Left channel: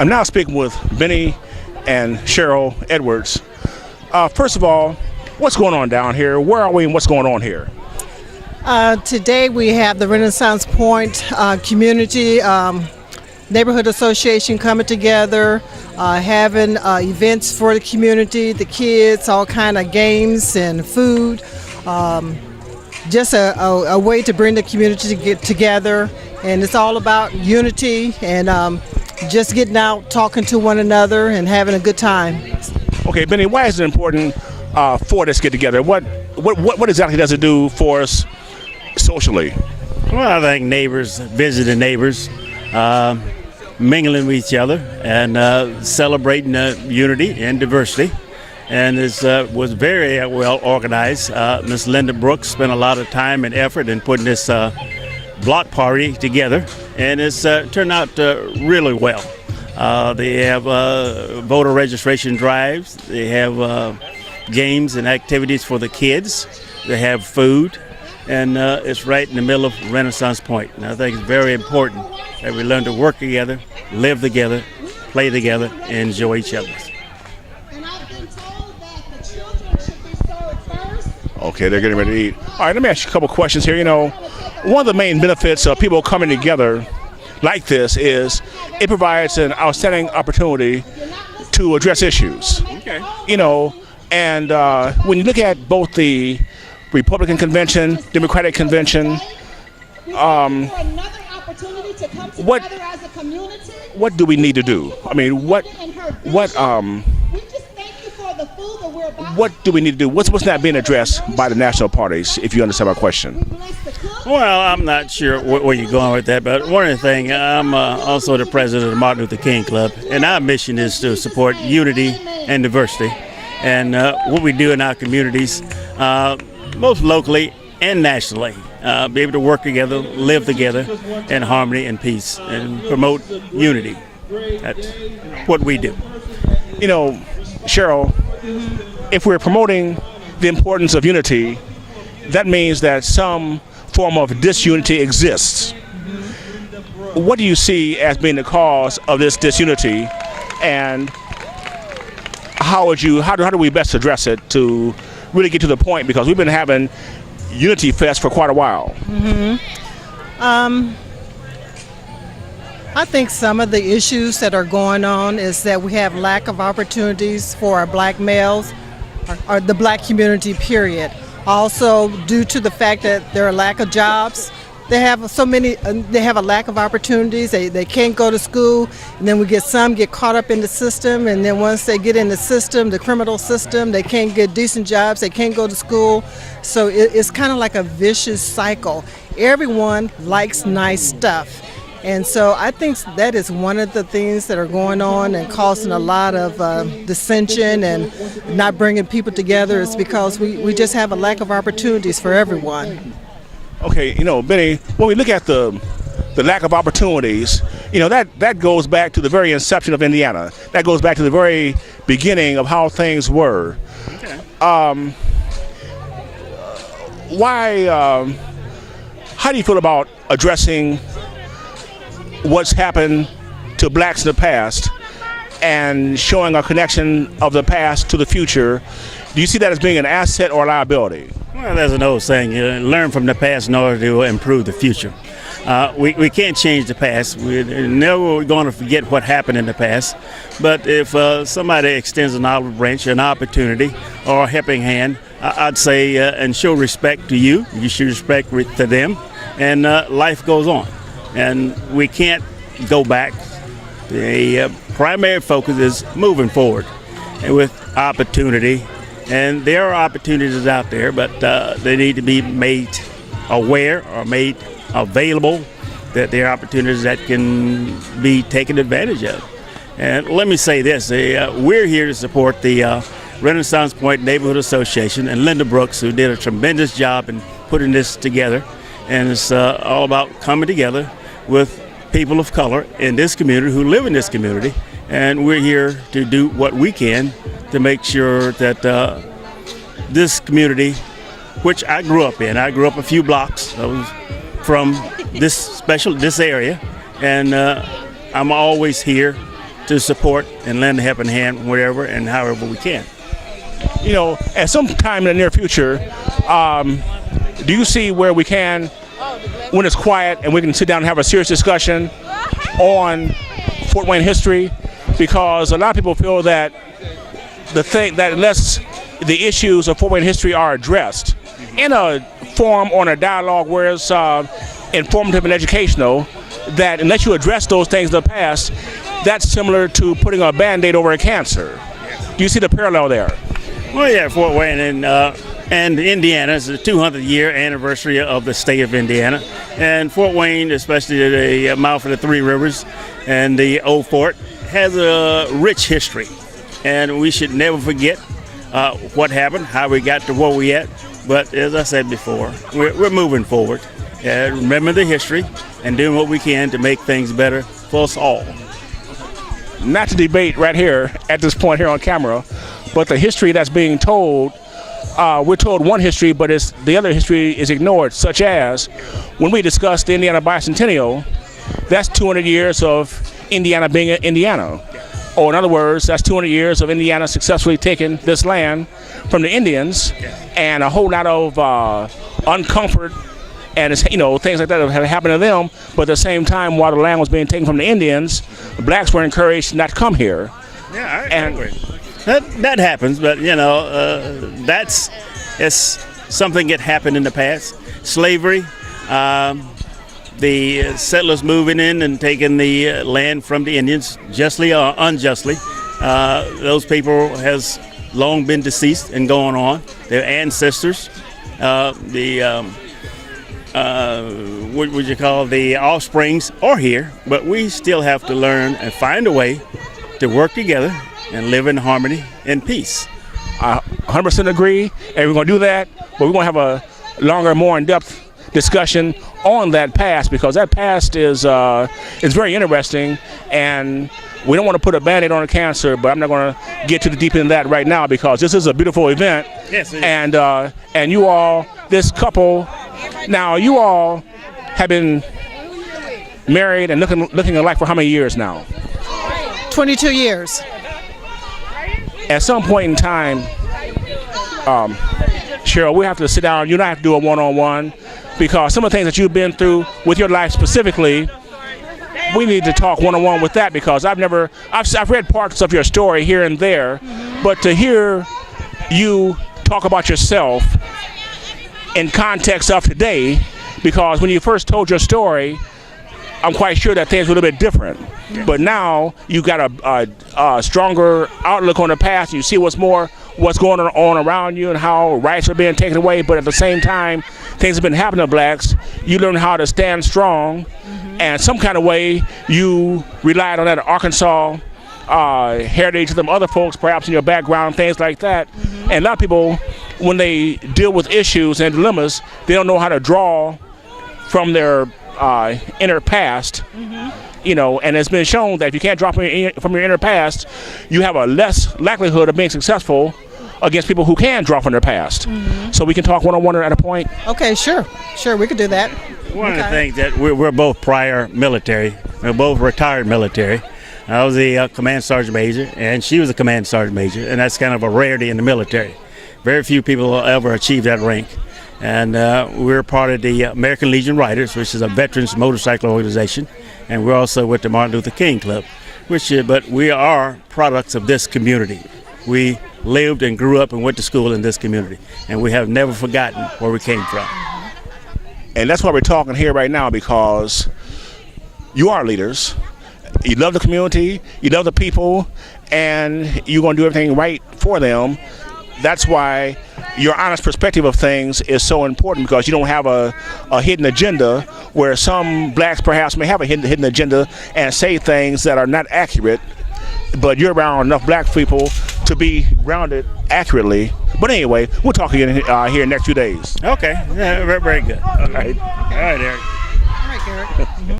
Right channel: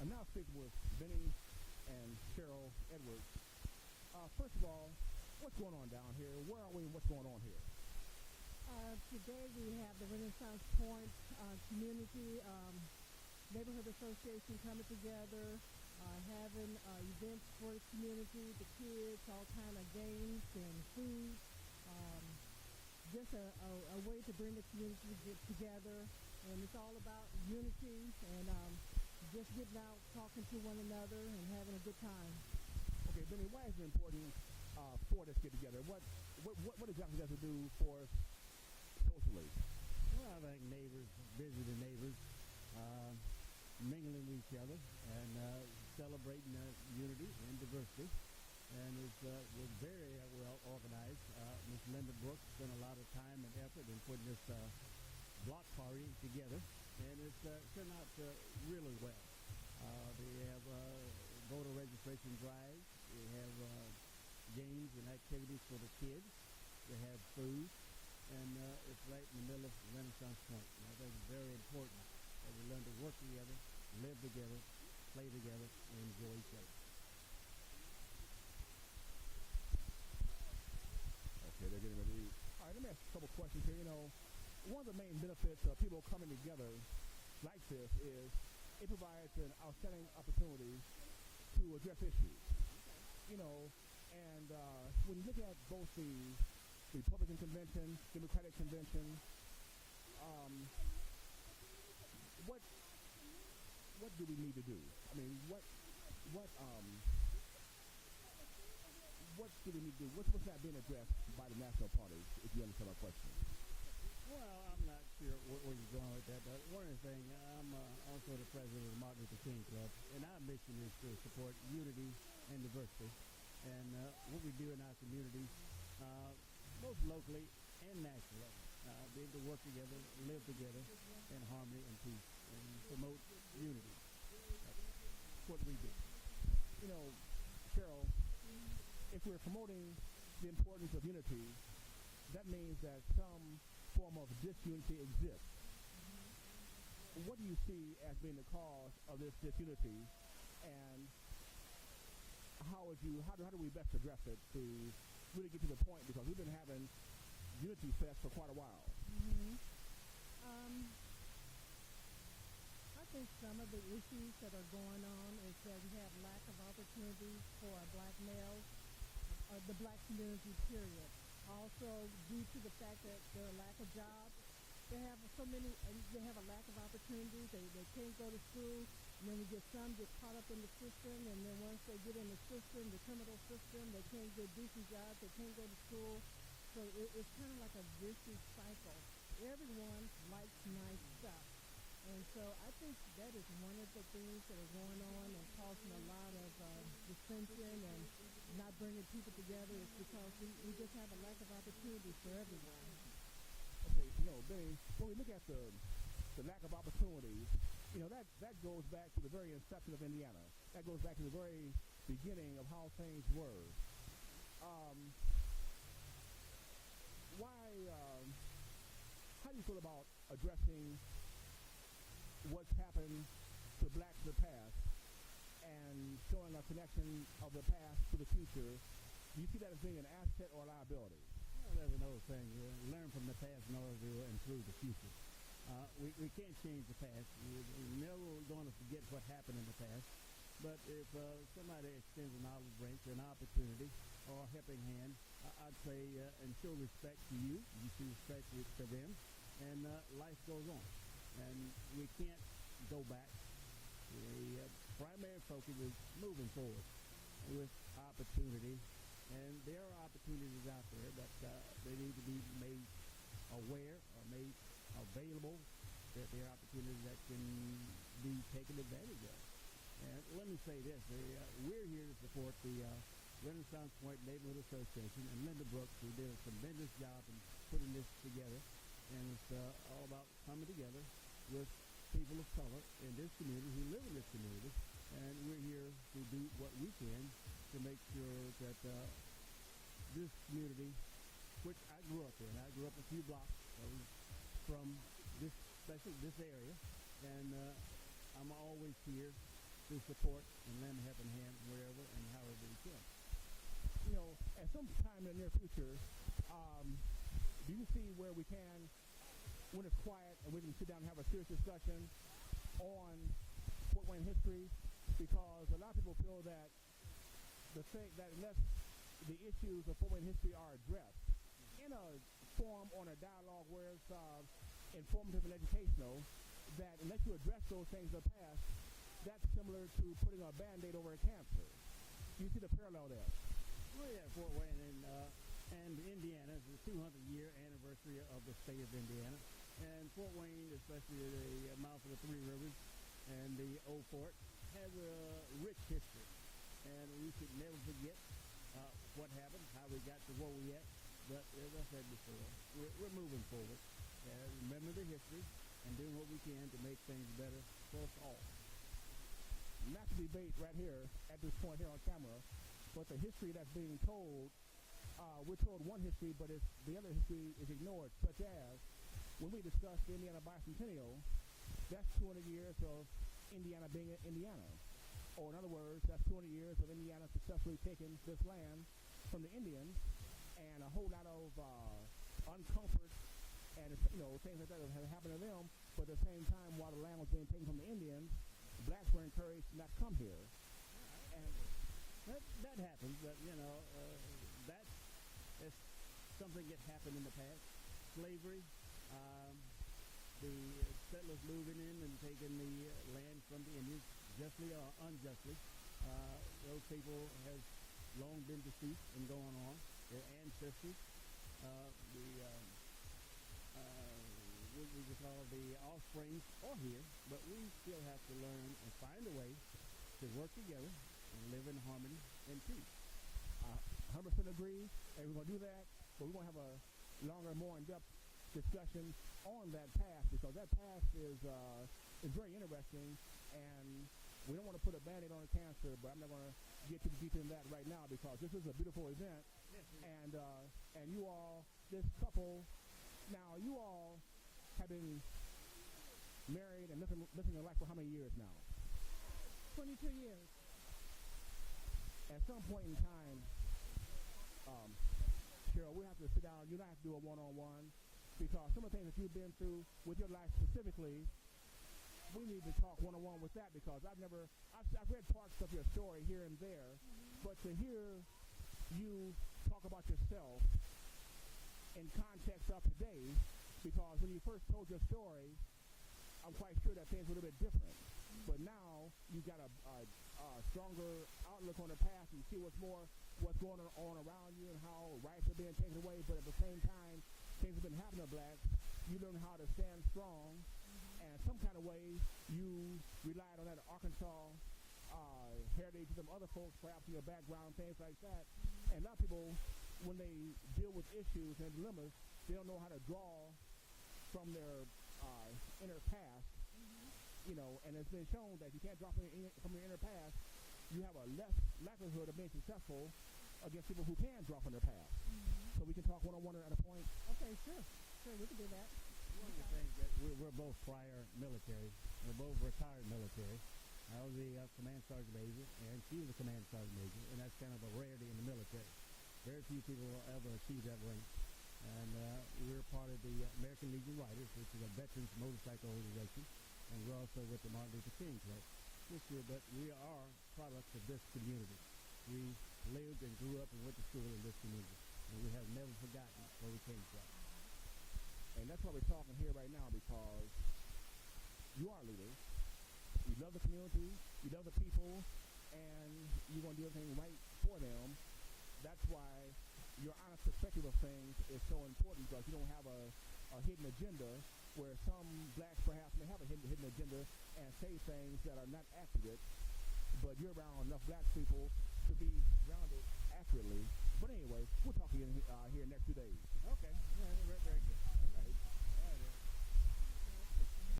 I'm now speaking with Bennie and Cheryl Edwards. First of all, what's going on down here? Where are we and what's going on here? Today we have the Renaissance Point Community Neighborhood Association coming together, having events for the community, the kids, all kind of games and food. Just a way to bring the community to get together, and it's all about unity and just getting out, talking to one another, and having a good time. Okay, Bennie, why is it important for this get together? What exactly does it do for us socially? Well, I think neighbors visiting neighbors, mingling with each other, and celebrating unity and diversity. And it was very well organized. Ms. Linda Brooks spent a lot of time and effort in putting this block party together, and it's turned out really well. They have voter registration drives, they have games and activities for the kids, they have food, and it's right in the middle of Renaissance Point. And I think it's very important that we learn to work together, live together, play together, and enjoy each other. Okay, they're getting ready to eat. All right, let me ask you a couple questions here. You know, one of the main benefits of people coming together like this is it provides an outstanding opportunity to address issues. Okay. You know, and when you look at both the Republican convention, Democratic convention, what do we need to do? I mean, what do we need to do? What's not being addressed by the national parties, if you understand my question? Well, I'm not sure where you're going with that, but one of the things, I'm also the president of the Martin Luther King Club, and our mission is to support unity and diversity. And what we do in our communities, most locally and nationally, be able to work together, live together in harmony and peace, and promote unity. That's what we do. You know, Cheryl, if we're promoting the importance of unity, that means that some form of disunity exists. What do you see as being the cause of this disunity, and how do we best address it to really get to the point? Because we've been having Unity Fest for quite a while. I think some of the issues that are going on is that we have lack of opportunities for our black males, or the black community, period. Also, due to the fact that there are lack of jobs, they have a lack of opportunities. They can't go to school, and then we get caught up in the system, and then once they get in the system, the criminal system, they can't get decent jobs, they can't go to school. So it's kind of like a vicious cycle. Everyone likes nice stuff. And so I think that is one of the things that are going on and causing a lot of dissension and not bringing people together, is because we just have a lack of opportunities for everyone. Okay, you know, Bennie, when we look at the lack of opportunities, you know, that goes back to the very inception of Indiana. That goes back to the very beginning of how things were. Okay. How do you feel about addressing what's happened to blacks in the past and showing a connection of the past to the future? Do you see that as being an asset or a liability? Well, there's an old saying, learn from the past in order to improve the future. We can't change the past. We're never going to forget what happened in the past. But if somebody extends an olive branch, an opportunity, or a helping hand, I'd say, and show respect to you, you should respect to them, and life goes on. And we can't go back. The primary focus is moving forward and with opportunity. And there are opportunities out there, but they need to be made aware or made available, that there are opportunities that can be taken advantage of. And let me say this, we're here to support the Renaissance Point Neighborhood Association and Linda Brooks, who did a tremendous job in putting this together. And it's all about coming together with people of color in this community who live in this community, and we're here to do what we can to make sure that this community, which I grew up in, I grew up a few blocks from this area, and I'm always here to support and lend a helping hand wherever and however we can. You know, at some time in the near future, do you see where we can, when it's quiet and we can sit down and have a serious discussion on Fort Wayne history? Because a lot of people feel that unless the issues of Fort Wayne history are addressed in a form or in a dialogue where it's informative and educational, that unless you address those things in the past, that's similar to putting a Band-Aid over a cancer. Do you see the parallel there? Well, yeah, Fort Wayne and Indiana is the 200th year anniversary of the state of Indiana. And Fort Wayne, especially the mouth of the Three Rivers and the Old Fort, has a rich history. And we should never forget what happened, how we got to where we at. But as I said before, we're moving forward. Remember the history and doing what we can to make things better for us all. Not to debate right here at this point here on camera, but the history that's being told, we're told one history, but the other history is ignored, such as when we discuss the Indiana Bicentennial, that's 200 years of Indiana being Indiana. Or in other words, that's 200 years of Indiana successfully taking this land from the Indians, and a whole lot of uncomfort and things like that have happened to them. But at the same time, while the land was being taken from the Indians, the blacks were encouraged not to come here. Yeah, I agree. That happens, but it's something that happened in the past. Slavery, the settlers moving in and taking the land from the Indians, justly or unjustly. Those people has long been deceased and gone on. Their ancestors, what would you call the offsprings, are here, but we still have to learn and find a way to work together and live in harmony and peace. I 100% agree, and we're going to do that, but we're going to have a longer, more in-depth discussion on that past, because that past is very interesting, and we don't want to put a Band-Aid on a cancer, but I'm not going to get too deep into that right now, because this is a beautiful event. Yes, it is. And you all, this couple, now you all have been married and looking alike for how many years now? 22 years. At some point in time, Cheryl, we have to sit down. You and I have to do a one-on-one, because some of the things that you've been through with your life specifically, we need to talk one-on-one with that, because I've read parts of your story here and there, but to hear you talk about yourself in context of today, because when you first told your story, I'm quite sure that things were a little bit different. Yeah. But now you've got a stronger outlook on the past. You see what's going on around you and how rights are being taken away. But at the same time, things have been happening to blacks. You learn how to stand strong, and some kind of way you relied on that Arkansas heritage of them other folks, perhaps in your background, things like that. And a lot of people, when they deal with issues and dilemmas, they don't know how to draw from their inner past, and it's been shown that if you can't draw from your inner past, you have a less likelihood of being successful against people who can draw from their past. So we can talk one-on-one at a point. Okay, sure, we could do that. One of the things that we're both prior military, we're both retired military. I was a command sergeant major, and she was a command sergeant major, and that's kind of a rarity in the military. Very few people will ever achieve that rank. And we're part of the American Legion Riders, which is a veterans motorcycle organization, and we're also with the Martin Luther King Club, but we are products of this community. We lived and grew up and went to school in this community, and we have never forgotten where we came from. And that's why we're talking here right now, because you are leaders. You love the community, you love the people, and you're going to do everything right for them. That's why your honest perspective of things is so important, because you don't have a hidden agenda, where some blacks perhaps may have a hidden agenda and say things that are not accurate, but you're around enough black people to be grounded accurately. But anyway, we'll talk again here in the next few days. Okay, yeah, very, very good. All right. All right, Eric. All right, Garrett.